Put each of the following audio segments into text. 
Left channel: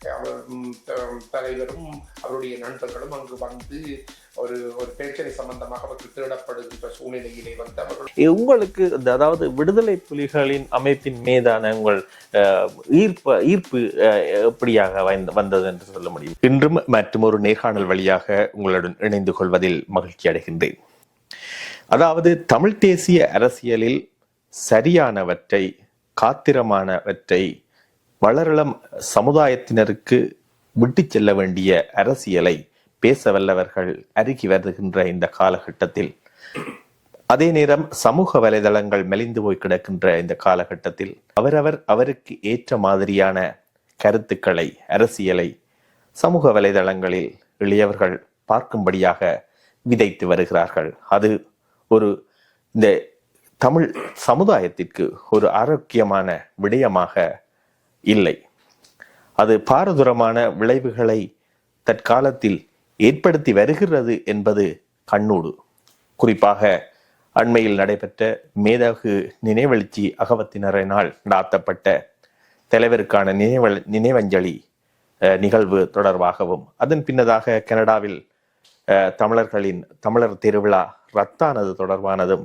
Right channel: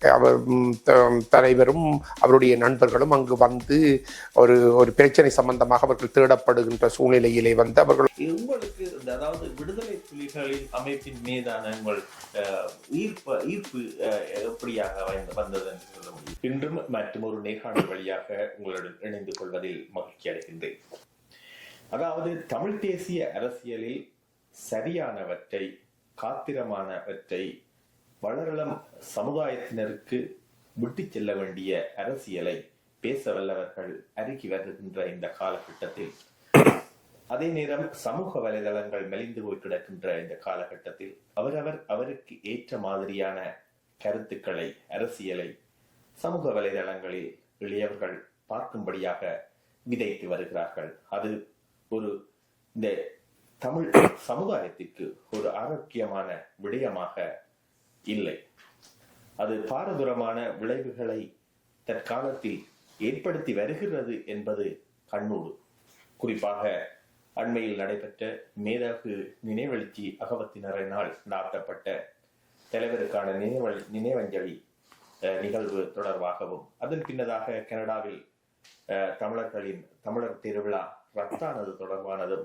அவர் தலைவரும் அவருடைய நண்பர்களும் அங்கு வந்து ஒரு ஒரு பிரச்சனை சம்பந்தமாக அவர்கள் தேடப்படுகின்ற சூழ்நிலையிலே வந்து அவர்கள் உங்களுக்கு இந்த அதாவது விடுதலை புலிகளின் அமைப்பின் மீதான உங்கள் ஈர்ப்பு ஈர்ப்பு எப்படியாக வந்த- வந்தது என்று சொல்ல முடியும்? இன்றும் மற்றும் ஒரு நேர்காணல் வழியாக உங்களுடன் இணைந்து கொள்வதில் மகிழ்ச்சி அடைகின்றேன். அதாவது தமிழ் தேசிய அரசியலில் சரியானவற்றை காத்திரமானவற்றை வளரளம் சமுதாயத்தினருக்கு விட்டு செல்ல வேண்டிய அரசியலை பேச வல்லவர்கள் அருகி வருகின்ற இந்த காலகட்டத்தில். அதே நேரம் சமூக வலைதளங்கள் மெலிந்து போய் கிடக்கின்ற இந்த காலகட்டத்தில் அவரவர் அவருக்கு ஏற்ற மாதிரியான கருத்துக்களை அரசியலை சமூக வலைதளங்களில் எளியவர்கள் பார்க்கும்படியாக விதைத்து வருகிறார்கள். அது ஒரு இந்த தமிழ் சமுதாயத்திற்கு ஒரு ஆரோக்கியமான விடயமாக இல்லை. அது பாரதூரமான விளைவுகளை தற்காலத்தில் ஏற்படுத்தி வருகிறது என்பது கண்ணூடு. குறிப்பாக அண்மையில் நடைபெற்ற மேதகு நினைவெழுச்சி அகவத்தினரினால் நடாத்தப்பட்ட தலைவருக்கான நினைவ நினைவஞ்சலி நிகழ்வு தொடர்பாகவும் அதன் பின்னதாக கனடாவில் தமிழர்களின் தமிழர் திருவிழா ரத்தானது தொடர்பானதும்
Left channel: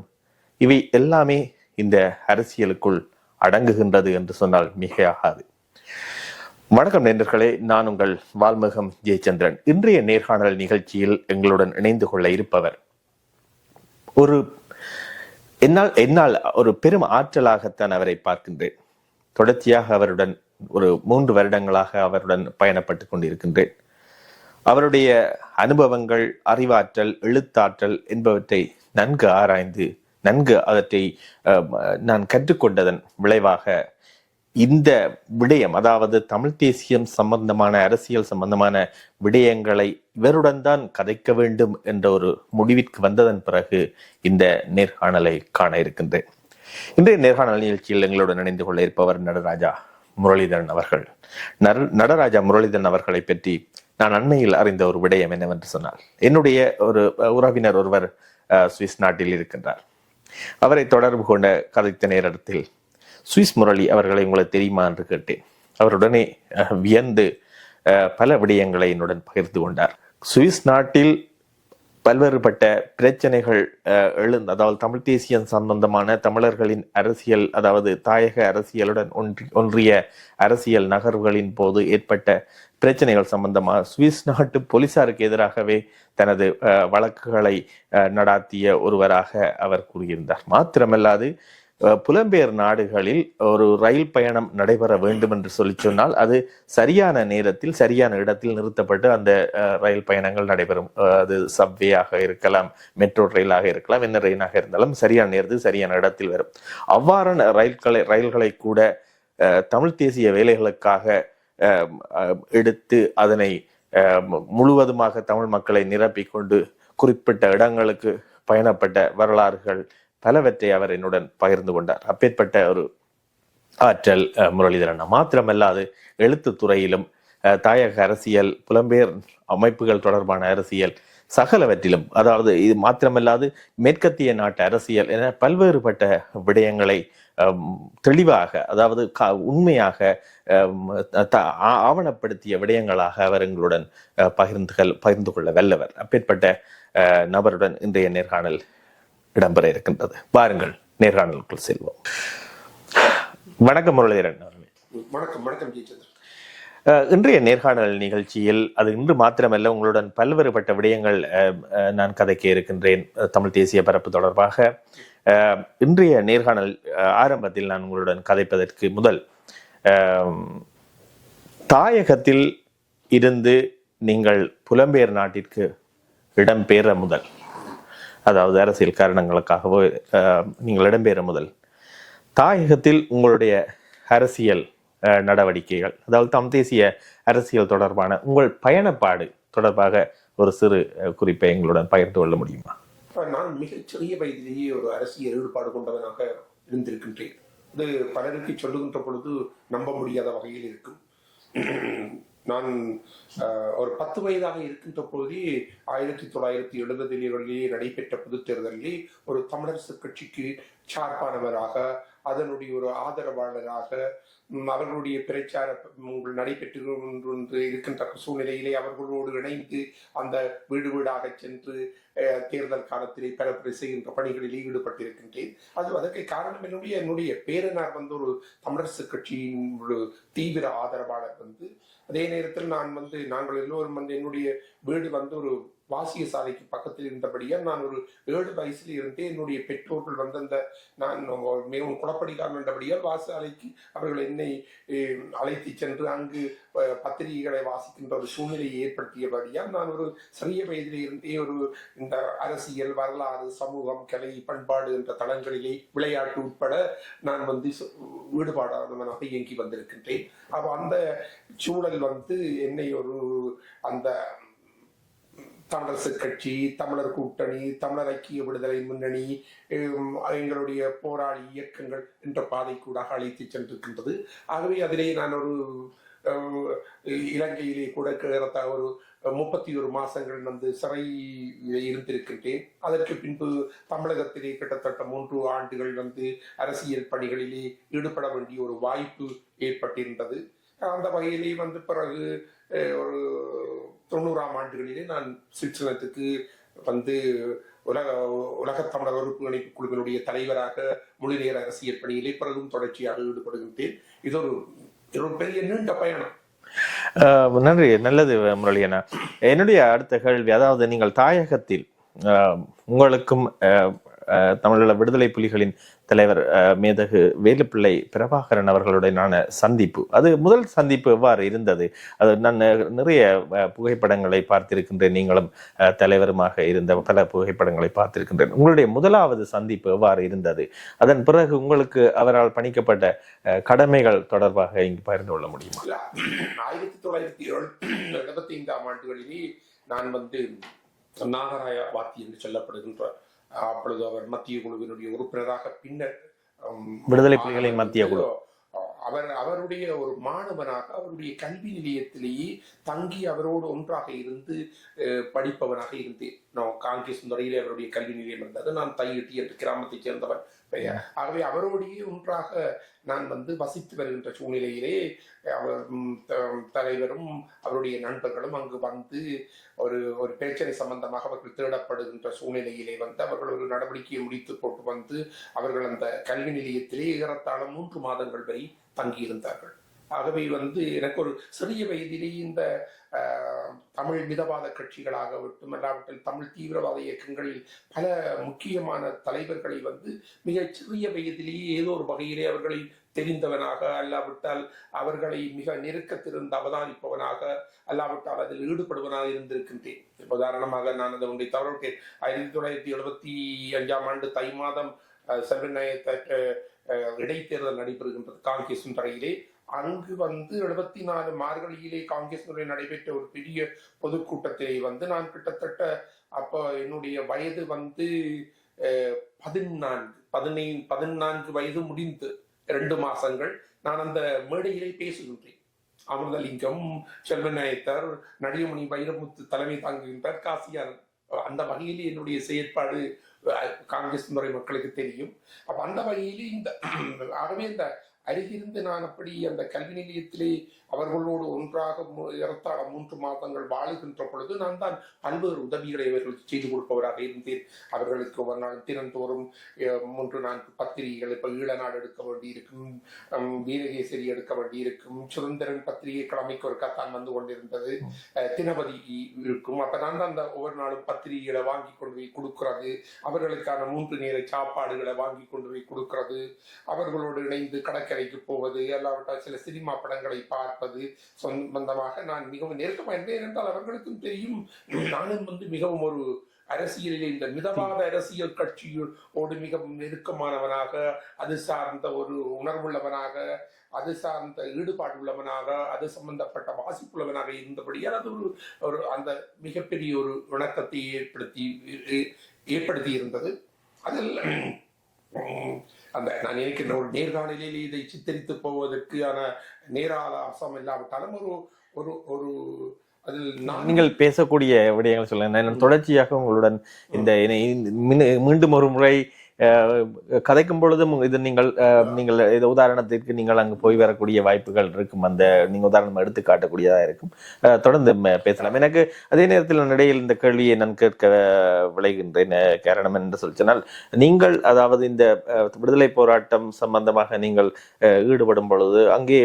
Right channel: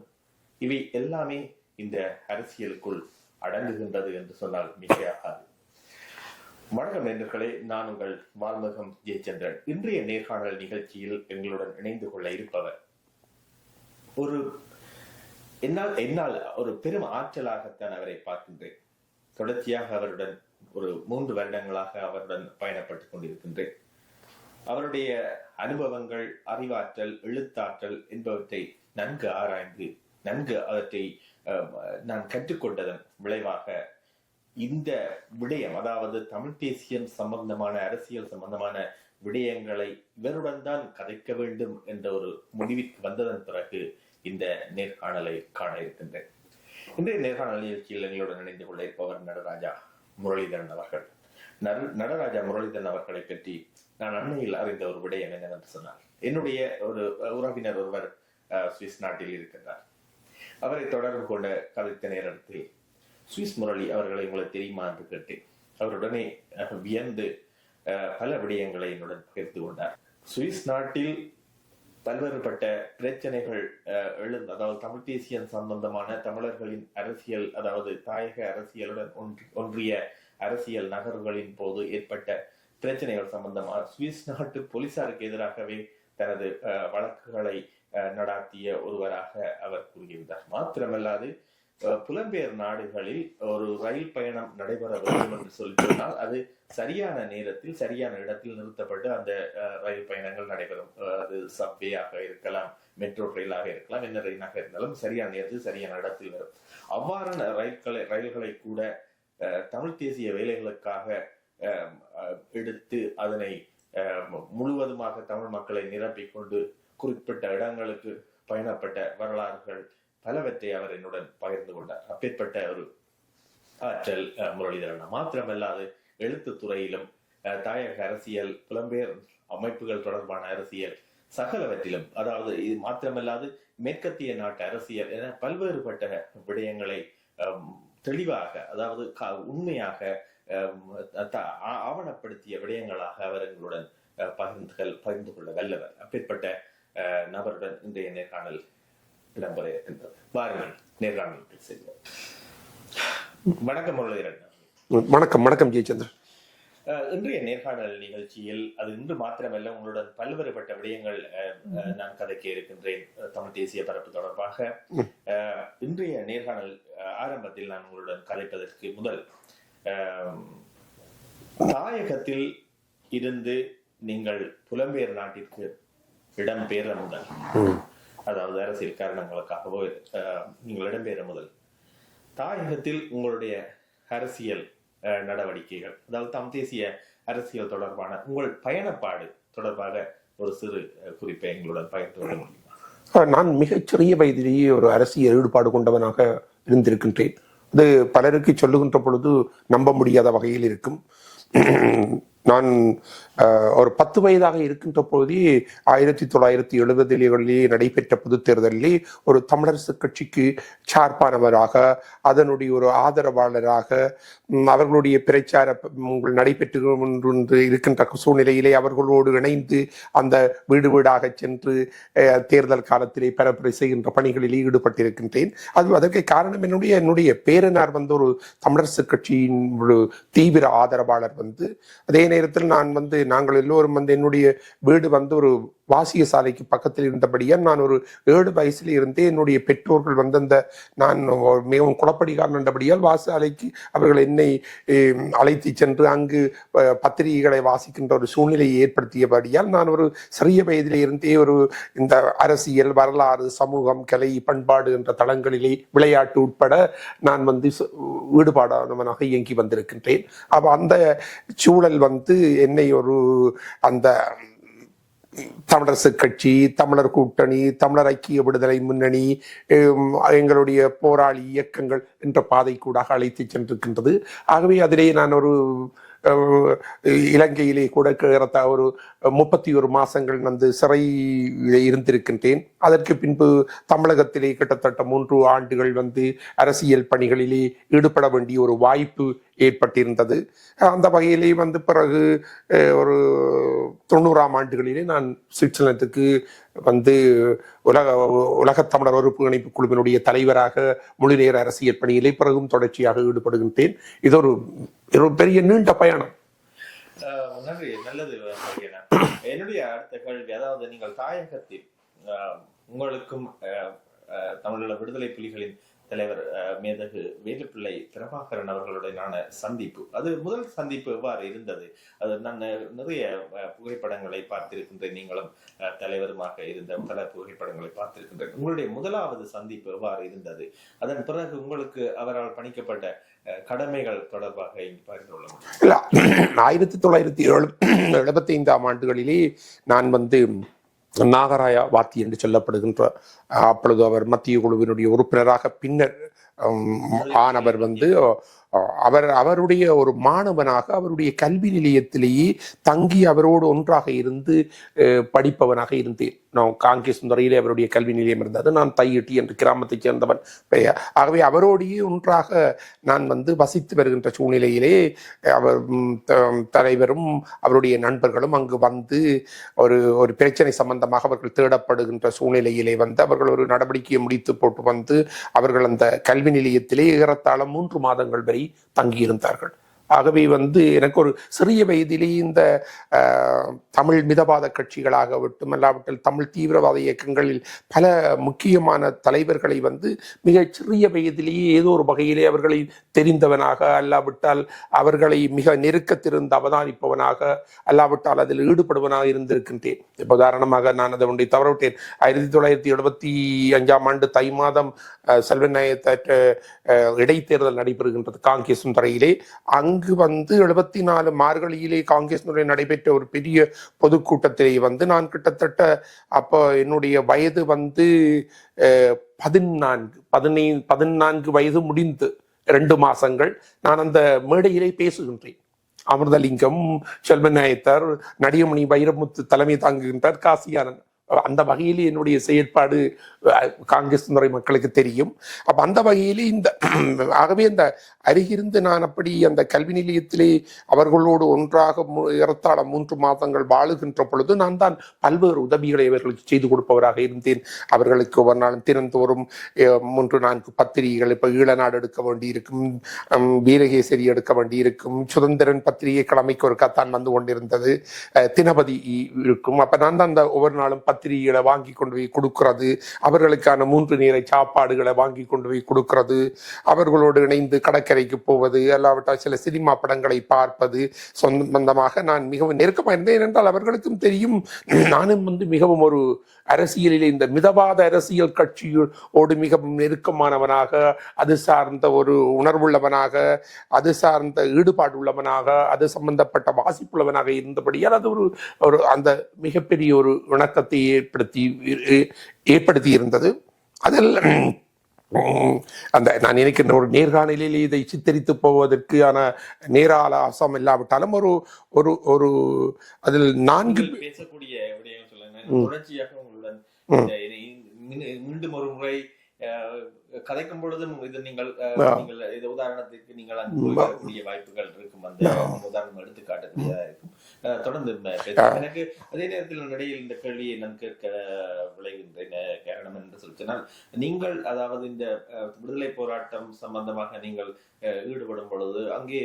இவை எல்லாமே இந்த அரசியலுக்குள் அடங்குகின்றது என்று சொன்னால் மிகையாகாது. வணக்கம் நேர்களே நான் உங்கள் வால்முகம் ஜெயச்சந்திரன். இன்றைய நேர்காணல் நிகழ்ச்சியில் எங்களுடன் இணைந்து கொள்ள இருப்பவர் ஒரு என்னால் என்னால் ஒரு பெரும் ஆற்றலாகத்தான் அவரை பார்க்கின்றேன். தொடர்ச்சியாக அவருடன் ஒரு மூன்று வருடங்களாக அவருடன் பயணப்பட்டு கொண்டிருக்கின்றேன். அவருடைய அனுபவங்கள் அறிவாற்றல் எழுத்தாற்றல் என்பவற்றை நன்கு ஆராய்ந்து நன்கு அவற்றை நான் கற்றுக்கொண்டதன் விளைவாக இந்த விடயம் அதாவது தமிழ் தேசியம் சம்பந்தமான அரசியல் சம்பந்தமான விடயங்களை இவருடன் தான் கதைக்க வேண்டும் என்ற ஒரு முடிவிற்கு வந்ததன் பிறகு இந்த நேர்காணலை காண இருக்கின்றேன். இன்றைய நேர்காணல் நிகழ்ச்சியில் எங்களுடன் இணைந்து கொள்ள இருப்பவர் நடராஜா முரளிதரன் அவர்கள். நடராஜா முரளிதரன் அவர்களை பற்றி நான் அண்மையில் அறிந்த ஒரு விடயம் என்னவென்று சொன்னால் என்னுடைய ஒரு உறவினர் ஒருவர் சுவிஸ் நாட்டில் இருக்கின்றார். அவரை தொடர்பு கொண்ட கதைத்த நேரத்தில் சுவிஸ் முரளி அவர்களை உங்களுக்கு தெரியுமா என்று கேட்டேன். அவருடனே வியந்து அஹ், பல விடயங்களை என்னுடன் பகிர்ந்து கொண்டார். சுவிஸ் நாட்டில் பல்வேறுபட்ட பிரச்சனைகள் அஹ், எழுந்து அதாவது தமிழ் தேசியம் சம்பந்தமான தமிழர்களின் அரசியல் அதாவது தாயக அரசியலுடன் ஒன்றி ஒன்றிய அரசியல் நகர்வுகளின் போது ஏற்பட்ட பிரச்சனைகள் சம்பந்தமாக சுவிஸ் நாட்டு போலீசாருக்கு எதிராகவே தனது வழக்குகளை நடாத்திய ஒருவராக அவர் கூறியிருந்தார். மாத்திரமல்லாது புலம்பெயர் நாடுகளில் ஒரு ரயில் பயணம் நடைபெற வேண்டும் என்று சொல்லி சொன்னால் அது சரியான நேரத்தில் சரியான இடத்தில் நிறுத்தப்பட்டு அந்த ரயில் பயணங்கள் நடைபெறும். அது சப்வேயாக இருக்கலாம் மெட்ரோ ரயிலாக இருக்கலாம் என்ன ரயிலாக இருந்தாலும் சரியான நேரத்தில் சரியான இடத்தில் வரும். அவ்வாறான ரயில்களை ரயில்களை கூட தமிழ் தேசிய வேலைகளுக்காக எடுத்து அதனை முழுவதுமாக தமிழ் மக்களை நிரப்பிக்கொண்டு குறிப்பிட்ட இடங்களுக்கு பயணப்பட்ட வரலாறுகள் பலவற்றை அவர் என்னுடன் பகிர்ந்து கொண்டார். அப்பேற்பட்ட ஒரு ஆற்றல் முரளிதரன் மாத்திரமல்லாது எழுத்து துறையிலும் தாயக அரசியல் புலம்பெயர் அமைப்புகள் தொடர்பான அரசியல் சகலவற்றிலும் அதாவது இது மாத்திரமல்லாது மேற்கத்திய நாட்டு அரசியல் என பல்வேறுபட்ட விடயங்களை தெளிவாக அதாவது உண்மையாக ஆவணப்படுத்திய விடயங்களாக அவர் எங்களுடன் பகிர்ந்துகள் பகிர்ந்து கொள்ள வல்லவர். அப்பேற்பட்ட நபருடன் இன்றைய நேர்காணல் இடம்பெற இருக்கின்றது. வாருங்கள் நேர்காணலுக்குள் செல்வோம். வணக்கம் முரளிதரன். வணக்கம் வணக்கம் ஜெயச்சந்திரன். இன்றைய நேர்காணல் நிகழ்ச்சியில் அது இன்று மாத்திரமல்ல உங்களுடன் பல்வேறுபட்ட விடயங்கள் நான் கதைக்க இருக்கின்றேன் தமிழ் தேசிய பரப்பு தொடர்பாக. இன்றைய நேர்காணல் ஆரம்பத்தில் நான் உங்களுடன் கதைப்பதற்கு முதல் தாயகத்தில் இருந்து நீங்கள் புலம்பெயர் நாட்டிற்கு இடம்பெயர முதல். அதாவது அரசியல் காரணங்களுக்காகவோ நீங்கள் இடம்பெயர முதல். தாயகத்தில் உங்களுடைய அரசியல் நடவடிக்கைகள் அதாவது தம் தேசிய அரசியல் தொடர்பான உங்கள் பயணப்பாடு தொடர்பாக ஒரு சிறு குறிப்பை எங்களுடன் பகிர்ந்து கொள்ள முடியுமா? நான் மிகச்சிறிய வயதிலேயே ஒரு அரசியல் ஈடுபாடு கொண்டவனாக இருந்திருக்கின்றேன். இது பலருக்கு சொல்லுகின்ற பொழுது நம்ப முடியாத வகையில் இருக்கும். நான் ஒரு பத்து வயதாக இருக்கின்ற போதே ஆயிரத்தி தொள்ளாயிரத்தி எழுபதுகளிலே நடைபெற்ற பொது தேர்தலில் ஒரு தமிழரசு கட்சிக்கு சார்பானவராக அதனுடைய ஒரு ஆதரவாளராக அவர்களுடைய பிரச்சார நடைபெற்று கொண்டு இருக்கின்ற சூழ்நிலையிலே அவர்களோடு இணைந்து அந்த வீடு வீடாக சென்று அஹ், தேர்தல் காலத்திலே பரப்புரை செய்கின்ற பணிகளில் ஈடுபட்டிருக்கின்றேன். அது அதற்கு காரணம் என்னுடைய என்னுடைய பேரனார் வந்து ஒரு தமிழரசு கட்சியின் ஒரு தீவிர ஆதரவாளர் வந்து அதே நேரத்தில் நான் வந்து நாங்கள் எல்லோரும் வந்து என்னுடைய வீடு வந்து ஒரு வாசிய சாலைக்கு பக்கத்தில் இருந்தபடியால் நான் ஒரு ஏழு வயசுல இருந்தே என்னுடைய பெற்றோர்கள் வந்து அந்த நான் மிகவும் குழப்படிகாரன் என்றபடியால் வாசாலைக்கு அவர்கள் என்னை அழைத்து சென்று அங்கு பத்திரிகைகளை வாசிக்கின்ற ஒரு சூழ்நிலையை ஏற்படுத்தியபடியால் நான் ஒரு சிறிய வயதிலே இருந்தே ஒரு இந்த அரசியல் வரலாறு சமூகம் கலை பண்பாடு என்ற தளங்களிலே விளையாட்டு உட்பட நான் வந்து சு- ஈடுபாடானவனாக இயங்கி வந்திருக்கின்றேன். அப்போ அந்த சூழல் வந்து என்னை ஒரு அந்த தமிழரசு கட்சி தமிழர் கூட்டணி தமிழர் ஐக்கிய விடுதலை முன்னணி எங்களுடைய போராளி இயக்கங்கள் என்ற பாதை கூட அழைத்து சென்றிருக்கின்றது. ஆகவே அதிலே நான் ஒரு இலங்கையிலே கூட கிழத்த ஒரு முப்பத்தி ஒரு மாதங்கள் வந்து சிறையில் இருந்திருக்கின்றேன். அதற்கு பின்பு தமிழகத்திலே கிட்டத்தட்ட மூன்று ஆண்டுகள் வந்து அரசியல் பணிகளிலே ஈடுபட வேண்டிய ஒரு வாய்ப்பு ஏற்பட்டிருந்தது. அந்த வகையிலே வந்து பிறகு ஒரு தொண்ணூறாம் ஆண்டுகளிலே நான் சுவிட்சர்லாந்துக்கு வந்து உலக உலகத் தமிழர் உறுப்பு இணைப்பு குழுவினுடைய தலைவராக முழுநேர அரசியல் பணியிலே பிறகும் தொடர்ச்சியாக ஈடுபடுகின்றேன். இது ஒரு இது ஒரு பெரிய நீண்ட பயணம். ஆஹ் நன்றி. நல்லது முரளியண்ணா. என்னுடைய அடுத்த கேள்வி அதாவது நீங்கள் தாயகத்தில் ஆஹ் உங்களுக்கும் தமிழீழ விடுதலை புலிகளின் தலைவர் மேதகு வேலுப்பிள்ளை பிரபாகரன் அவர்களுடனான சந்திப்பு. அது முதல் சந்திப்பு எவ்வாறு இருந்தது? அது நான் நிறைய புகைப்படங்களை பார்த்திருக்கின்றேன். நீங்களும் தலைவருமாக இருந்த பல புகைப்படங்களை பார்த்திருக்கின்றேன். உங்களுடைய முதலாவது சந்திப்பு எவ்வாறு இருந்தது? அதன் பிறகு உங்களுக்கு அவரால் பணிக்கப்பட்ட கடமைகள் தொடர்பாக இங்கு பகிர்ந்து கொள்ள முடியும்? ஆயிரத்தி தொள்ளாயிரத்தி எழுபத்தி ஐந்தாம் ஆண்டுகளிலே நான் வந்து நாகராயா வாத்தி என்று சொல்லப்படுகின்ற அப்பொழுது அவர் மத்திய குழுவினுடைய உறுப்பினராக பின்னர் ஆனவர் வந்து அவர் அவருடைய ஒரு மாணவனாக அவருடைய கல்வி நிலையத்திலேயே தங்கி அவரோடு ஒன்றாக இருந்து படிப்பவனாக இருந்தேன். நான் காங்கிரஸ் துறையிலே அவருடைய கல்வி நிலையம் இருந்தது. நான் தையிட்டி என்று கிராமத்தைச் சேர்ந்தவன். ஆகவே அவரோடையே ஒன்றாக நான் வந்து வசித்து வருகின்ற சூழ்நிலையிலே அவர் தலைவரும் அவருடைய நண்பர்களும் அங்கு வந்து ஒரு ஒரு பிரச்சனை சம்பந்தமாக அவர்கள் தேடப்படுகின்ற சூழ்நிலையிலே வந்து அவர்கள் ஒரு நடவடிக்கையை முடித்து போட்டு வந்து அவர்கள் அந்த கல்வி நிலையத்திலே ஏறத்தாழ மூன்று மாதங்கள் வரை தங்கியிருந்தார்கள். ஆகவே வந்து எனக்கு ஒரு சிறிய வயதிலே இந்த தமிழ் மிதவாத கட்சிகளாக அல்லாவிட்டில் தமிழ் தீவிரவாத இயக்கங்களில் பல முக்கியமான தலைவர்களை வந்து மிகச் சிறிய வயதிலேயே ஏதோ ஒரு வகையிலே அவர்களை தெரிந்தவனாக அல்லாவிட்டால் அவர்களை மிக நெருக்கத்திலிருந்து அவதானிப்பவனாக அல்லாவிட்டால் அதில் ஈடுபடுவனாக இருந்திருக்கின்றேன். இப்போ உதாரணமாக நான் அதை ஒன்றை தவறவிட்டேன். ஆயிரத்தி தொள்ளாயிரத்தி எழுபத்தி அஞ்சாம் ஆண்டு தை மாதம் செல்வநாயகத்த இடைத்தேர்தல் நடைபெறுகின்றது காங்கிரஸ் துறையிலே அங்கு வந்து எழுபத்தி நாலு மார்கழியிலே காங்கிரஸ் துறை நடைபெற்ற ஒரு பெரிய பொதுக்கூட்டத்திலே வந்து நான் கிட்டத்தட்ட அப்போ என்னுடைய வயது வந்து அஹ், பதினான்கு பதினை பதினான்கு வயது முடிந்து ரெண்டு மாசங்கள் நான் அந்த மேடையிலே பேசுகின்றேன். அமிர்தலிங்கம் செல்வநாயத்தர் நடிகமணி வைரமுத்து தலைமை தாங்குகின்றார் காசியானன் அந்த வகையில் என்னுடைய செயற்பாடு காங்கிரஸ் முறை மக்களுக்கு தெரியும். அப்ப அந்த வகையிலே இந்த ஆகவே அந்த அருகிருந்து நான் அப்படி அந்த கல்வி நிலையத்திலே அவர்களோடு ஒன்றாக ஏறத்தாழ மூன்று மாதங்கள் வாழுகின்ற பொழுது நான் தான் பல்வேறு உதவிகளை அவர்களுக்கு செய்து கொடுப்பவராக இருந்தேன். அவர்களுக்கு ஒவ்வொரு நாளும் தினந்தோறும் மூன்று நான்கு பத்திரிகைகள் இப்போ ஈழநாடு எடுக்க வேண்டியிருக்கும் ஹம், வீரகேசரி எடுக்க வேண்டியிருக்கும் சுதந்திரன் பத்திரிகை கிழமைக்கு ஒரு கத்தான் வந்து கொண்டிருந்தது தினபதி இருக்கும். அப்ப நான் தான் அந்த ஒவ்வொரு நாளும் பத்திரிகைகளை வாங்கி கொண்டு போய் கொடுக்கிறது அவர்களுக்கான மூன்று நேர சாப்பாடுகளை வாங்கி கொண்டு போய் கொடுக்கறது. அவர்களோடு இணைந்து கடற்கரைக்கு போவது அல்லாவிட்டால் சில சினிமா படங்களை பார்ப்பது. சொந்தமாக நான் மிகவும் நெருக்கமாக இருந்தேன் என்றால் அவர்களுக்கும் தெரியும். நானும் வந்து மிகவும் ஒரு அரசியலில் இந்த மிதவாத அரசியல் கட்சியோடு மிகவும் நெருக்கமானவனாக அது சார்ந்த ஒரு உணர்வுள்ளவனாக அது சார்ந்த ஈடுபாடு உள்ளவனாக அது சம்பந்தப்பட்ட வாசிப்புள்ளவனாக இருந்தபடியால் அது ஒரு ஒரு அந்த மிகப்பெரிய ஒரு இணக்கத்தை ஏற்படுத்தி ஏற்படுத்தி இருந்தது. அதில் அந்த நான் நினைக்கின்ற ஒரு நேர்காணலில் இதை சித்தரித்து போவதற்கான நேராலாசம் இல்லாவிட்டாலும் ஒரு ஒரு ஒரு அதில் நான்கு நீங்கள் பேசக்கூடிய விடயங்கள் சொல்லுங்க நான் தொடர்ச்சியாக உங்களுடன் இந்த மீண்டும் ஒரு முறை கதைக்கும் பொழுதும் இது நீங்கள் நீங்கள் இது உதாரணத்திற்கு நீங்கள் அங்கு போய் வரக்கூடிய வாய்ப்புகள் இருக்கும். அந்த நீங்க உதாரணம் எடுத்து காட்டக்கூடியதா இருக்கும். தொடர்ந்து பேசலாம். எனக்கு அதே நேரத்தில் இடையில் இந்த கேள்வியை நான் கேட்க விளைகின்றேன் காரணம் என்று சொல்லி சொன்னால் நீங்கள் அதாவது இந்த விடுதலை போராட்டம் சம்பந்தமாக நீங்கள் ஈடுபடும் பொழுது அங்கே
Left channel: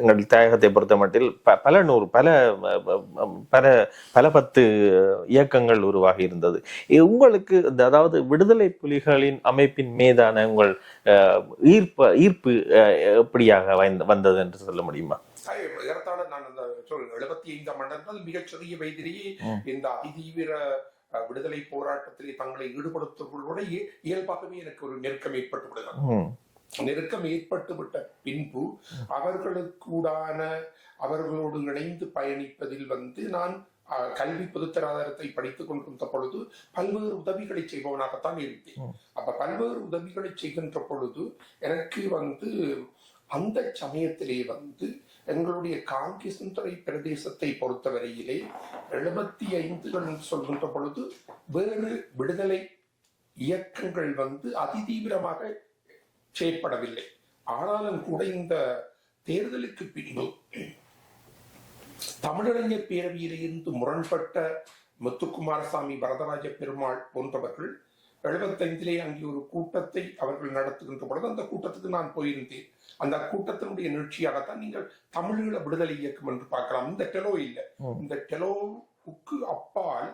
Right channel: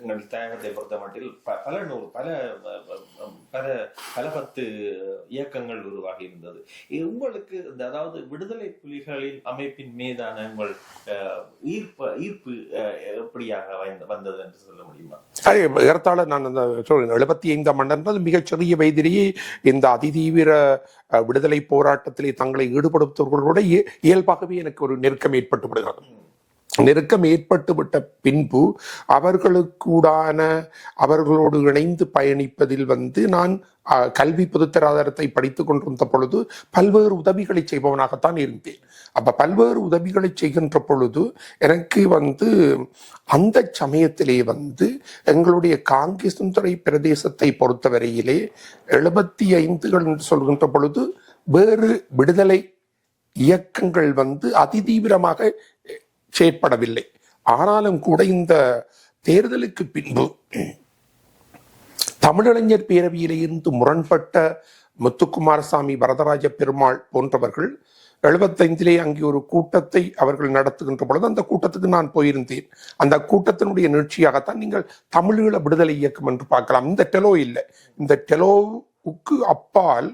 எங்கள் தாயகத்தை பொறுத்த மட்டில் பல நூறு பல பல பல பத்து இயக்கங்கள் உருவாகி இருந்தது. உங்களுக்கு இந்த அதாவது விடுதலை புலிகளின் அமைப்பின் மீதான உங்கள் ஈர்ப்பு ஈர்ப்பு எப்படியாக வந்த- வந்தது என்று சொல்ல முடியுமா? அதே ஏறத்தாழ நான் அந்த சொல்றேன். எழுபத்தி ஐந்தாம் ஆண்டு மிகச் சிறிய வயதிலேயே இந்த அதிதீவிர விடுதலை போராட்டத்திலே தங்களை ஈடுபடுத்துவர்களோட இய- இயல்பாகவே எனக்கு ஒரு நெருக்கம் ஏற்பட்டு விடுகிறது. நெருக்கம் ஏற்பட்டு விட்ட பின்பு அவர்களுக்கூடான அவர்களோடு இணைந்து பயணிப்பதில் வந்து நான் கல்வி பொதுத்தராதாரத்தை படித்துக் கொண்டிருந்த பொழுது பல்வேறு உதவிகளை செய்பவனாகத்தான் இருந்தேன். அப்ப பல்வேறு உதவிகளை செய்கின்ற பொழுது எனக்கு வந்து அந்த சமயத்திலே வந்து எங்களுடைய காங்கேசந்துறை பிரதேசத்தை பொறுத்தவரையிலே எழுபத்தி ஐந்துகள் என்று சொல்கின்ற பொழுது வேறு விடுதலை இயக்கங்கள் வந்து அதிதீவிரமாக செயற்படவில்லை. ஆனாலும் கூட இந்த தேர்தலுக்கு பின்பு தமிழிளைஞர் பேரவையிலே இருந்து முரண்பட்ட முத்துக்குமாரசாமி வரதராஜ பெருமாள் போன்றவர்கள் எழுபத்தைந்திலே அங்கே ஒரு கூட்டத்தை அவர்கள் நடத்துகின்ற பொழுது அந்த கூட்டத்துக்கு நான் போயிருந்தேன். அந்த கூட்டத்தினுடைய நீட்சியாகத்தான் நீங்கள் தமிழீழ விடுதலை இயக்கம் என்று பார்க்கலாம். இந்த டெலோ இல்லை. இந்த டெலோவுக்கு அப்பால்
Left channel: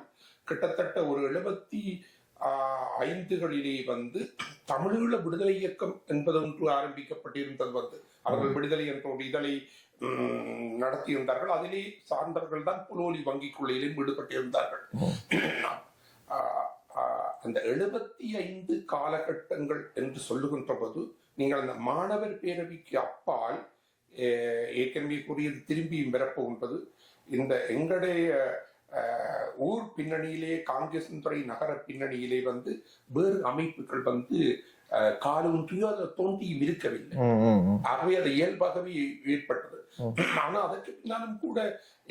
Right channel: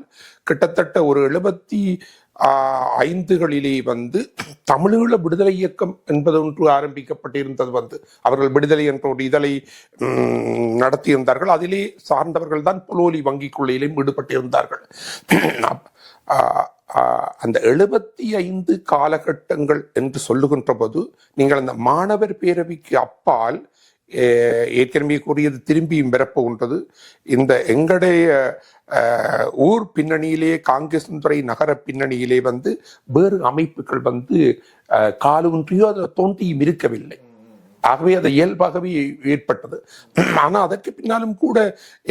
கிட்டத்தட்ட ஒரு எழுபத்தி ஐந்துகளிலே வந்து தமிழீழ விடுதலை இயக்கம் என்பது ஒன்று ஆரம்பிக்கப்பட்டிருந்தது வந்து. அவர்கள் விடுதலை என்ற ஒரு இதழை நடத்தியிருந்தார்கள். அதிலே சார்ந்தவர்கள் தான் புலோலி வங்கி கொள்ளையிலும் ஈடுபட்டிருந்தார்கள் ஆஹ், அந்த எழுபத்தி ஐந்து காலகட்டங்கள் என்று சொல்லுகின்ற போது நீங்கள் அந்த மாணவர் பேரவைக்கு அப்பால் ஏற்கனவே கூறியது திரும்பியும் பிறப்புகின்றது இந்த எங்களுடைய ஊர் பின்னணியிலே காங்கிரஸ் துறை நகர பின்னணியிலே வந்து வேறு அமைப்புகள் வந்து காலூன்றியோ அதை தோன்றியும் இருக்கவில்லை. ஆகவே அது இயல்பாகவே ஏற்பட்டது. ஆனா அதற்கு பின்னாலும் கூட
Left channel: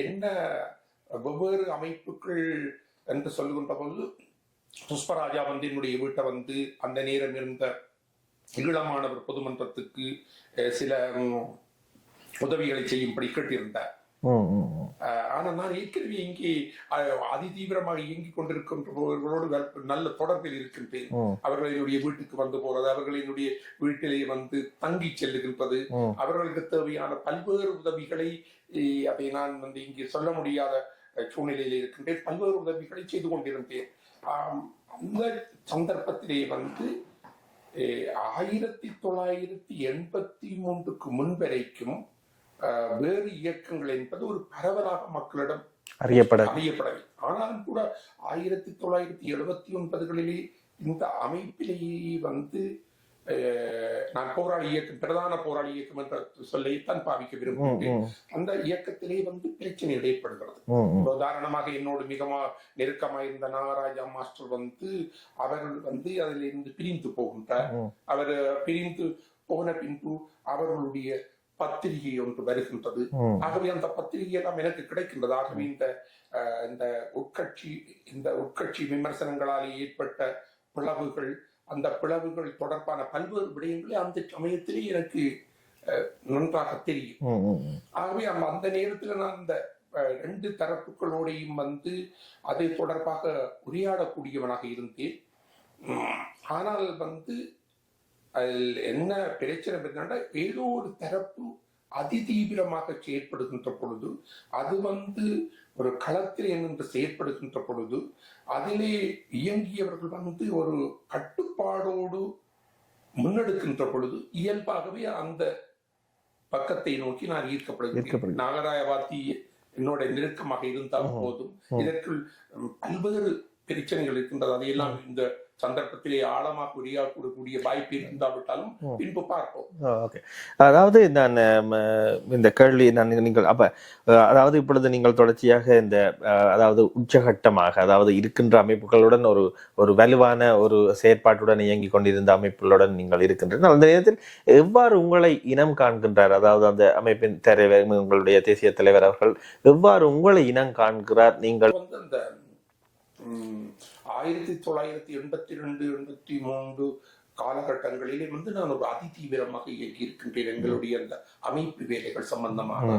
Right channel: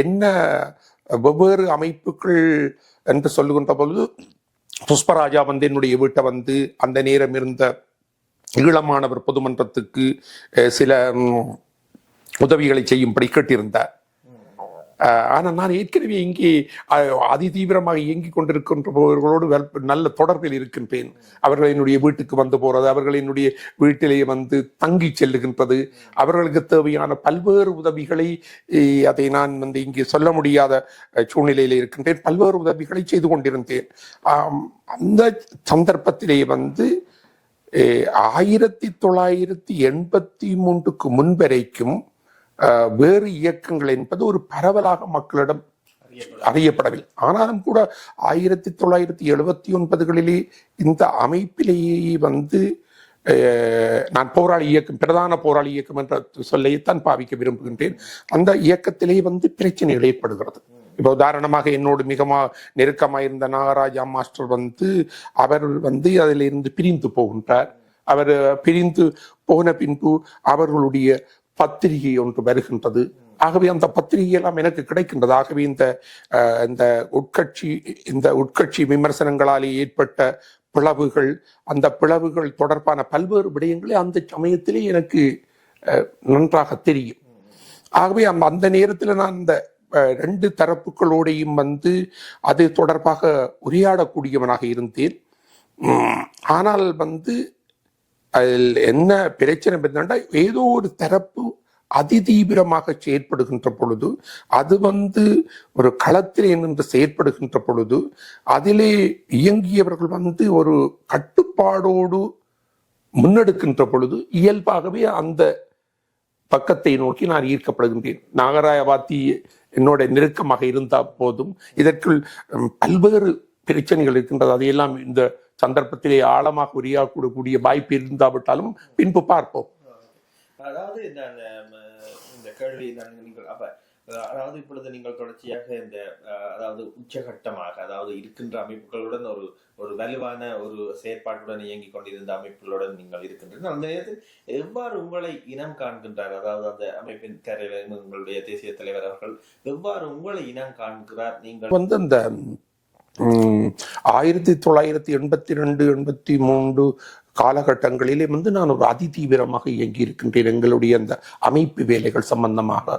என்ன வெவ்வேறு அமைப்புகள் என்று சொல்லுகின்ற பொழுது புஷ்பராஜா வந்து என்னுடைய வீட்டை வந்து அந்த நேரம் இருந்த ஈழமானவர் பொதுமன்றத்துக்கு சில உதவிகளை செய்யும்படி கேட்டிருந்தார். ம், ம், ம். அஹ், ஆனா நான் ஏற்கனவே இங்கே அதிதீவிரமாக இயங்கிக் கொண்டிருக்கின்றவர்களோடு நல்ல தொடர்பில் இருக்கின்றேன். அவர்கள் என்னுடைய வீட்டுக்கு வந்து போறது அவர்கள் என்னுடைய வீட்டிலேயே வந்து தங்கி செல்லுகின்றது. அவர்களுக்கு தேவையான பல்வேறு உதவிகளை அதை நான் வந்து இங்கே சொல்ல முடியாத சூழ்நிலையில் இருக்கின்றேன் பல்வேறு உதவிகளை செய்து கொண்டிருந்தேன் அந்த சந்தர்ப்பத்திலே வந்து ஆயிரத்தி தொள்ளாயிரத்தி எண்பத்தி மூன்றுக்கு முன்வரைக்கும் வேறு இயக்கங்கள் என்பது ஒரு பரவலாக மக்களிடம் அறியப்பட அறியப்படவில்லை. ஆனாலும் கூட ஆயிரத்தி தொள்ளாயிரத்தி எழுபத்தி ஒன்பதுகளிலே இந்த அமைப்பிலேயே வந்து நான் போராளி இயக்கம் பிரதான போராளி இயக்கம் என்ற சொல்லைத்தான் பாவிக்க விரும்புகின்றேன். அந்த இயக்கத்திலே வந்து பிரச்சனைகள் ஏற்படுகிறது. இப்போ உதாரணமாக என்னோடு மிகமா நெருக்கமாயிருந்த நாகராஜா மாஸ்டர் வந்து அவர் வந்து அதிலிருந்து பிரிந்து போகின்றார். அவர் பிரிந்து போன பின்பு அவர்களுடைய பத்திரிகை ஒன்று வருகின்றது. ஆகவே அந்த பத்திரிகை எல்லாம் எனக்கு கிடைக்கின்றது ஆகவே இந்த இந்த உட்கட்சி இந்த உட்கட்சி விமர்சனங்களாலே ஏற்பட்ட பிளவுகள் அந்த பிளவுகள் தொடர்பான பல்வேறு விடயங்களை அந்த சமயத்திலே எனக்கு நன்றாக தெரியும். ஆகவே அந்த அந்த நேரத்தில் நான் இந்த அஹ், ரெண்டு தரப்புகளோடையும் வந்து அது தொடர்பாக உரையாடக்கூடியவனாக இருந்தேன் ஆனால் வந்து அதில் என்ன பிரச்சனை என்னன்னா ஏதோ ஒரு தரப்பு அதிதீவிரமாக செயற்படுகின்ற பொழுது அது வந்து ஒரு களத்திலே நின்று செயற்படுகின்ற பொழுது அதிலே இயங்கியவர்கள் வந்து ஒரு கட்டுப்பாடோடு முன்னெடுக்கின்ற பொழுது இயல்பாகவே அந்த பக்கத்தை நோக்கி நான் ஈர்க்கப்படுகின்றேன். நாகராயவாத்தி என்னோட நெருக்கமாக இருந்தால் போதும். இதற்குள் பல்வேறு பிரச்சனைகள் இருக்கின்றது. அதையெல்லாம் இந்த சந்தர்ப்பத்திலே ஆழமாக உரையாடக்கூடிய வாய்ப்பு இருந்தாவிட்டாலும் பின்பு பார்ப்போம். ஓகே அதாவது நான் இந்த கேள்வி நான் நீங்கள் அப்ப அதாவது இப்பொழுது நீங்கள் தொடர்ச்சியாக இந்த அதாவது உச்சகட்டமாக அதாவது இருக்கின்ற அமைப்புகளுடன் ஒரு ஒரு வலுவான ஒரு செயற்பாட்டுடன் இயங்கிக் கொண்டிருந்த அமைப்புகளுடன் நீங்கள் இருக்கின்றனர் அந்த நேரத்தில் எவ்வாறு உங்களை இனம் காண்கின்றார்? அதாவது அந்த அமைப்பின் தலைவர் உங்களுடைய தேசிய தலைவர் அவர்கள் எவ்வாறு உங்களை இனம் காண்கிறார்? நீங்கள் வந்து அந்த ஆயிரத்தி தொள்ளாயிரத்தி எண்பத்தி ரெண்டு எண்பத்தி மூன்று காலகட்டங்களிலே வந்து நான் ஒரு அதிதீவிரமாக இயங்கி இருக்கின்றேன் எங்களுடைய அந்த அமைப்பு வேலைகள் சம்பந்தமாக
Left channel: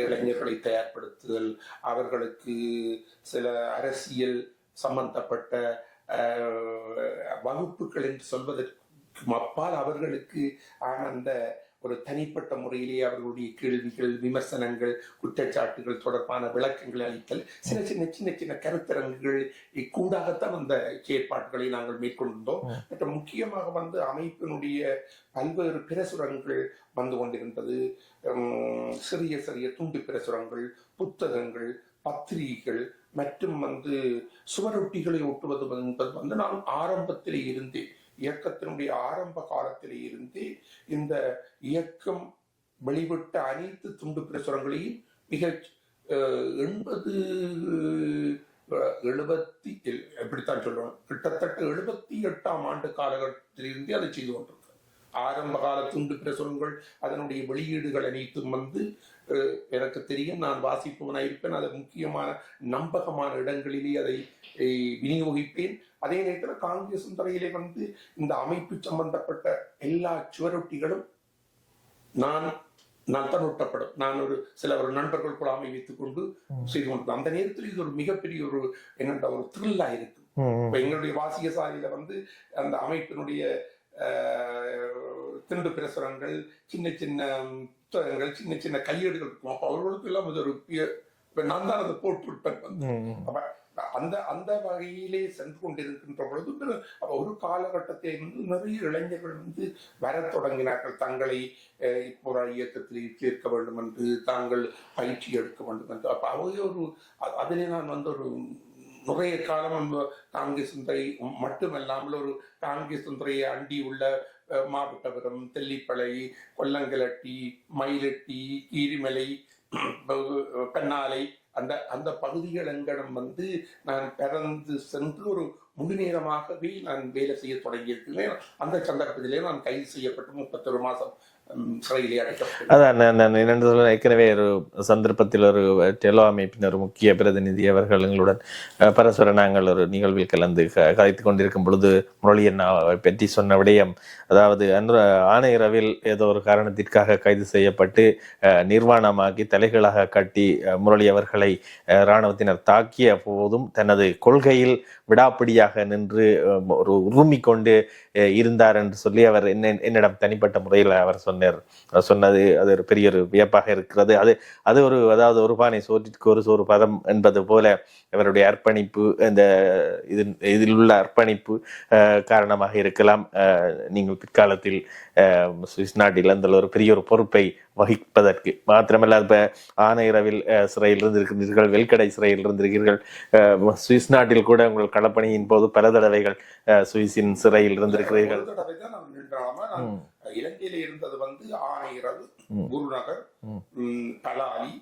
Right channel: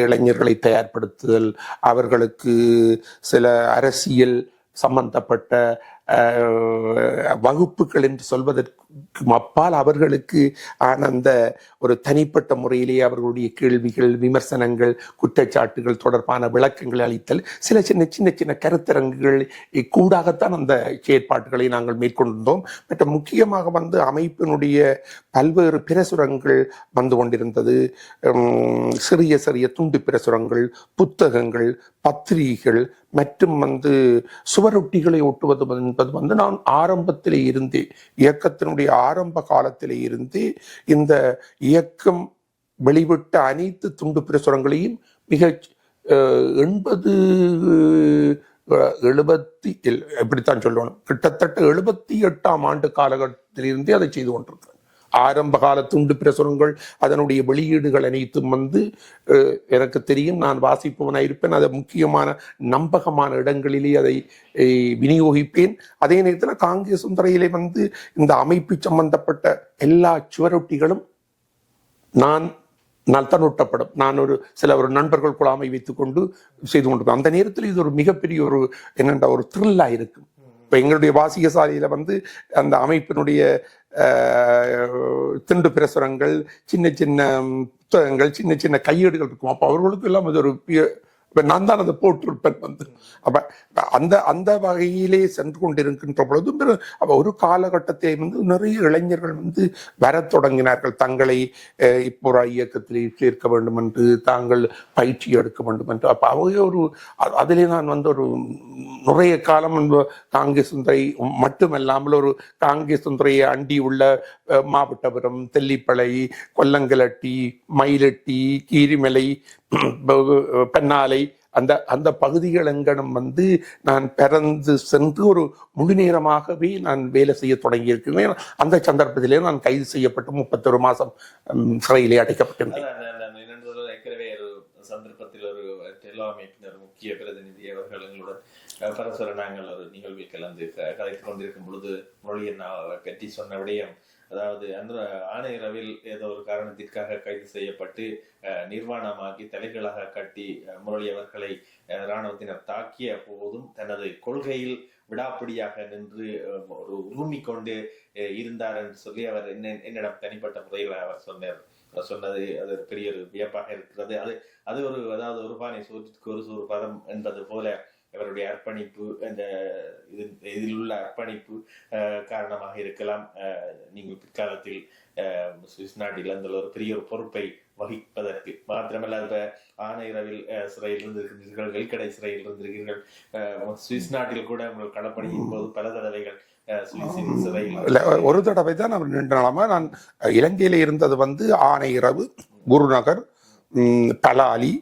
இளைஞர்களை தயார்படுத்துதல் அவர்களுக்கு சில அரசியல் சம்பந்தப்பட்ட வகுப்புகள் என்று சொல்வதற்கு அப்பால் அவர்களுக்கு ஆன அந்த ஒரு தனிப்பட்ட முறையிலே அவர்களுடைய கேள்விகள் விமர்சனங்கள் குற்றச்சாட்டுகள் தொடர்பான விளக்கங்களை அளித்தல் சில சின்ன சின்ன சின்ன கருத்தரங்குகள் கூடாகத்தான் அந்த செயற்பாடுகளை நாங்கள் மேற்கொண்டிருந்தோம். மற்ற முக்கியமாக வந்து அமைப்பினுடைய பல்வேறு பிரசுரங்கள் வந்து கொண்டிருந்தது. சிறிய சிறிய துண்டு பிரசுரங்கள் புத்தகங்கள் பத்திரிகைகள் மற்றும் வந்து சுவரொட்டிகளை ஒட்டுவது என்பது வந்து நான் ஆரம்பத்திலே இருந்தே இயக்கத்தினுடைய ஆரம்ப காலத்திலே இருந்தே இந்த இயக்கம் வெளிவிட்ட அனைத்து துண்டு பிரசுரங்களையும் மிக எண்பது எழுபத்தி எப்படித்தான் சொல்லணும். கிட்டத்தட்ட எழுபத்தி எட்டாம் ஆண்டு காலகட்டத்திலிருந்தே அதை செய்து கொண்டிருக்கிறேன். ஆரம்ப கால துண்டு பிரசுரங்கள் அதனுடைய வெளியீடுகள் அனைத்தும் வந்து எனக்கு தெரியும் நான் வாசிப்பவனாக இருப்பேன். அதை முக்கியமான நம்பகமான இடங்களிலே அதை விநியோகிப்பேன். அதே நேரத்தில் காங்கிரஸ் துறையிலே வந்து இந்த அமைப்பு சம்பந்தப்பட்ட எல்லா சுவரொட்டிகளும் நான் நான் தான் ஒட்டப்படும் நான் ஒரு சில ஒரு நண்பர்கள் குழாமை வைத்துக்கொண்டு செய்து கொண்டிருக்கோம் அந்த நேரத்தில் இது ஒரு மிகப்பெரிய ஒரு என்னென்ற ஒரு த்ரில்லா இருக்கும். இப்ப எங்களுடைய வாசிக சாலையில வந்து அந்த அமைப்பினுடைய திண்டு பிரசுரங்கள் சின்ன சின்ன புத்தகங்கள் சின்ன சின்ன கையேடுகள் இருக்கும். அப்போ அவர்களுக்கு எல்லாம் அது ஒரு இப்ப நான் தான் அதை போட்டிருப்பேன் வந்து அப்ப அந்த அந்த வகையிலே சென்று கொண்டிருக்கின்ற பொழுது அப்ப ஒரு காலகட்டத்தை வந்து நிறைய இளைஞர்கள் வந்து வரத் தொடங்கினார்கள். தங்களை இப்போ இயக்கத்தில் சேர்க்க வேண்டும் என்று தாங்கள் பயிற்சி எடுக்க வேண்டும் என்று அப்ப அவங்க ஒரு அதிலே நான் வந்து ஒரு நிறைய காலம் காங்கிரஸ் துறை மட்டுமல்லாமல் ஒரு காங்கிரஸ் துறையை அண்டி உள்ள மாவட்டபுரம் தெல்லிப்பளை கொல்லங்கலட்டி மயிலட்டி கீரிமலை பெண்ணாலை அந்த அந்த பகுதிகள் எங்கனம் வந்து நான் பிறந்து சென்று ஒரு முழு நேரமாகவே நான் வேலை செய்ய தொடங்கியிருக்கிறேன். அந்த சந்தர்ப்பத்திலே நான் கைது செய்யப்பட்டு முப்பத்தொரு மாதம் சிறையிலே அடைக்கப்பட்டேன். அதான் நான் ஏற்கனவே ஒரு சந்தர்ப்பத்தில் ஒரு டெலோ அமைப்பின் ஒரு முக்கிய பிரதிநிதி அவர்கள் எங்களுடன் பரஸ்பர நாங்கள் ஒரு நிகழ்வில் கலந்து க- கொண்டிருக்கும் பொழுது முரளியன் பற்றி சொன்ன விடயம் அதாவது அன்று ஆணையரவில் ஏதோ ஒரு காரணத்திற்காக கைது செய்யப்பட்டு நிர்வாணமாக்கி தலைகளாக கட்டி முரளி அவர்களை அஹ், இராணுவத்தினர் தாக்கிய போதும் தனது கொள்கையில் விடாப்பிடியாக நின்று ஒரு உருமி கொண்டு இருந்தார் என்று சொல்லி அவர் என்ன என்னிடம் தனிப்பட்ட முறையில் அவர் சொன்னார். சொன்னது அது ஒரு பெரிய ஒரு வியப்பாக இருக்கிறது. அது அது ஒரு அதாவது ஒரு பானை சோற்றிற்கு ஒரு சோறு பதம் என்பது போல அவருடைய அர்ப்பணிப்பு இந்த இது இதில் உள்ள அர்ப்பணிப்பு காரணமாக இருக்கலாம். நீங்கள் பிற்காலத்தில் சுவிஸ் நாட்டில் அந்த ஒரு பெரிய ஒரு பொறுப்பை வகிப்பதற்கு மாத்திரமல்ல இப்ப ஆனையரவில் சிறையில் இருந்திருக்கிறீர்கள் வெல்கடை சிறையில் இருந்திருக்கிறீர்கள் சுவிஸ் நாட்டில் கூட உங்கள் களப்பணியின் போது பல தடவைகள் சுவிஸின் சிறையில். ஒரு தடவை தான் அவர் நின்ற நான் இலங்கையில இருந்தது வந்து ஆனையிரவு. குருநகர் பலாலி.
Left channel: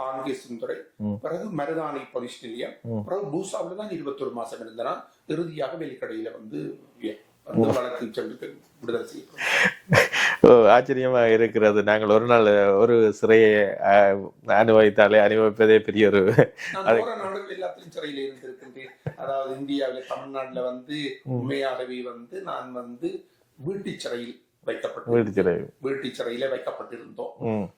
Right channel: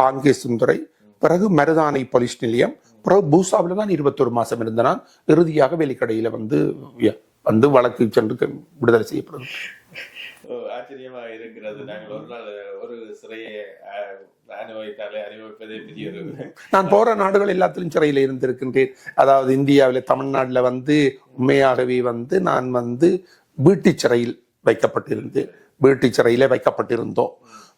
காங்கேசுந்துறை ம். பிறகு மருதானை போலீஸ் நிலையம். பிறகு பூசாவில தான் இருபத்தொரு மாசம் இருந்த நான் இறுதியாக வெளிக்கடையில வந்து வந்து வழக்கு சென்று விடுதலை செய்யப்படும். ஓ, ஆச்சரியமா இருக்கிறது. நாங்கள் ஒரு நாள் ஒரு சிறையை அனுபவித்தாலே அனுபவிப்பதே பெரிய ஒரு நான் போற நாடுகள் எல்லாத்திலும் சிறையில இருந்திருக்கின்றேன். அதாவது இந்தியாவில தமிழ்நாட்டுல வந்து உண்மையாகவே வந்து நான் வந்து வீட்டு சிறையில் வைக்கப்பட்டிருந்தேன் வீட்டு சிறையில வைக்கப்பட்டிருந்தோம்.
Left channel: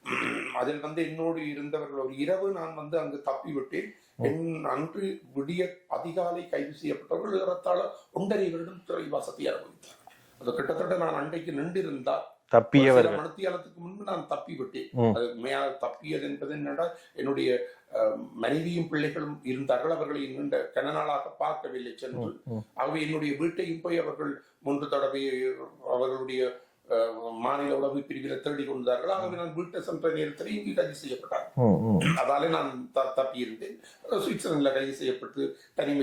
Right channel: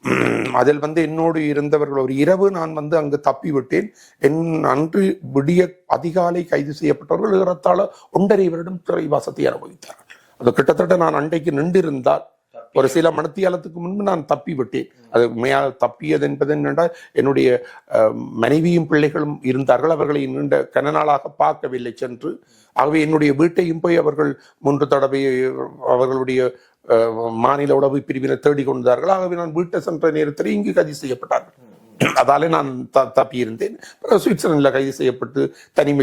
அதில் வந்து என்னோடு இருந்தவர்கள் ஒரு இரவு நான் வந்து அங்கு தப்பி விட்டேன் என் அன்று விடிய அதிகாலை கைது செய்யப்பட்டவர்கள் ஏறத்தாழ ஒன்றரை வருடம் சிறைவாசத்தை அனுபவித்தார்கள் அது கிட்டத்தட்ட நான் அண்டைக்கு நின்றிருந்தால் ஒரு சில மணித்தியாலத்துக்கு முன்பு நான் தப்பி விட்டேன் ம். அது உண்மையாக தப்பியது என்பது என்னென்றால் என்னுடைய மனைவியும் பிள்ளைகளும் இருந்தார்கள். அவர்களை நீண்ட கன நாளாக பார்க்கவில்லை சென்று. ஆகவே என்னுடைய வீட்டையும் போய் அவர்கள் மூன்று தடவை அவர்களுடைய மாநில பிரிவினர் தேடிக் கொண்டார்கள் ஆகவே நான் வீட்டை சென்ற நேரத்தில் இங்கு கைது செய்யப்பட்டார் ம், ம். அதாலே நான் த தப்பியிருந்தேன். பிறகு சுவிட்சர்லாந்தில் கைது செய்யப்பட்டு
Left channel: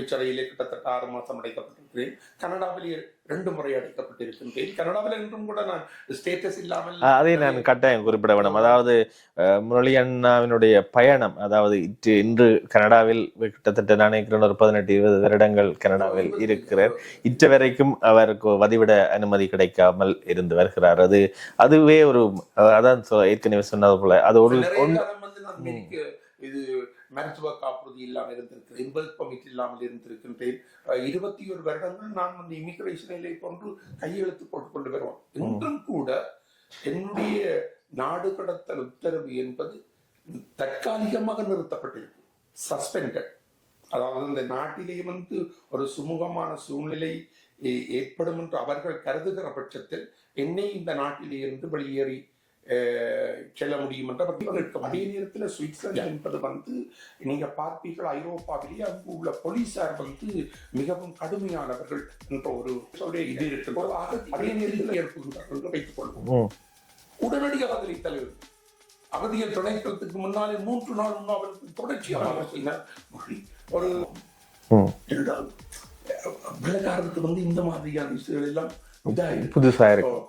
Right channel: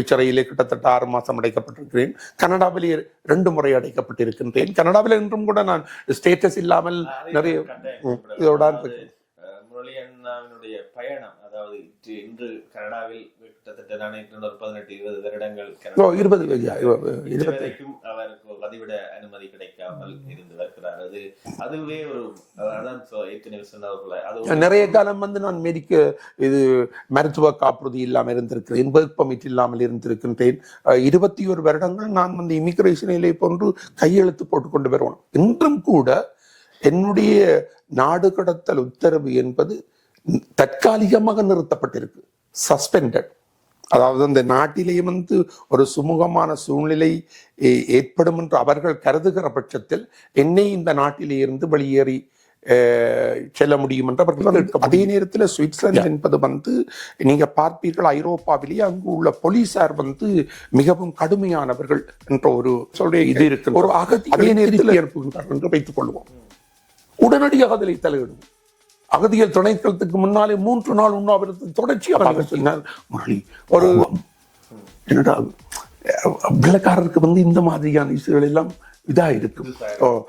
சிறையிலே கிட்டத்தட்ட ஆறு மாதம் அடைக்கப்பட்டிருக்கிறேன். கனடாவிலே ரெண்டு முறை அடைக்கப்பட்டிருக்கின்றேன். கனடாவில் என்றும் கூட நான் ஸ்டேட்டஸ் இல்லாமல் கட்டாயம் குறிப்பிட வேண்டும் அதாவது முரளி அண்ணாவினுடைய பயணம் அதாவது இன்று கனடாவில் கிட்டத்தட்ட நான் ஒரு பதினெட்டு இருபது வருடங்கள் கனடாவில் இருக்கிறார் இன்று வரைக்கும் அவருக்கு வதிவிட அனுமதி கிடைக்காமல் இருந்து வருகிறார். அது அதுவே ஒரு அதான் ஏற்கனவே சொன்னது போல அது ஒரு நிறைய காலம் வந்து நான் மெடிக்க இது மருத்துவ காப்புறுதி இல்லாமல் இருந்திருக்கிறேன் ஒர்க் பர்மிட் இல்லாமல் இருந்திருக்கின்றேன். இருபத்தி ஒரு வருடங்கள் நான் வந்து இமிகிரேஷனிலே போன்று கையெழுத்து போட்டுக்கொண்டு வருவேன். இன்றும் கூட என்னுடைய நாடு கடத்தல் உத்தரவு என்பது தற்காலிகமாக நிறுத்தப்பட்டிருக்கு. சஸ்பெண்டட் அதாவது அந்த நாட்டிலேயே வந்து ஒரு சுமூகமான சூழ்நிலை ஏற்படும் என்று அவர்கள் கருதுகிற பட்சத்தில் என்னை இந்த நாட்டிலே இருந்து வெளியேறி அஹ், செல்ல முடியும் என்று அவர்கள் அதே நேரத்தில் சுவிட்சர்லாந்து என்பது வந்து நீங்க பார்ப்பீர்கள் ஐரோப்பாவிலேயே அங்கு உள்ள போலீசார் வந்து மிகவும் கடுமையானவர்கள் என்ற ஒரு சொல்ற இது இருக்கு ஒரு அகதி நேரத்தில் அனுப்புகின்றார்கள் என்று வைத்துக் கொள்வோம். உடனடியாக அதில் தலையிடும். அகதிகள் துணைக்களத்துக்கு முன்னாலே மூன்று நாள் உண்ணாவிரதம் தொடர்ச்சியாக பேசினார் முரளி. ஒரு. என்னடா வெள்ளக்காரருக்கு வந்து இந்த மாதிரியான இசுகள் எல்லாம் இதா இருக்கு புதுசா இருக்கு. ஓ,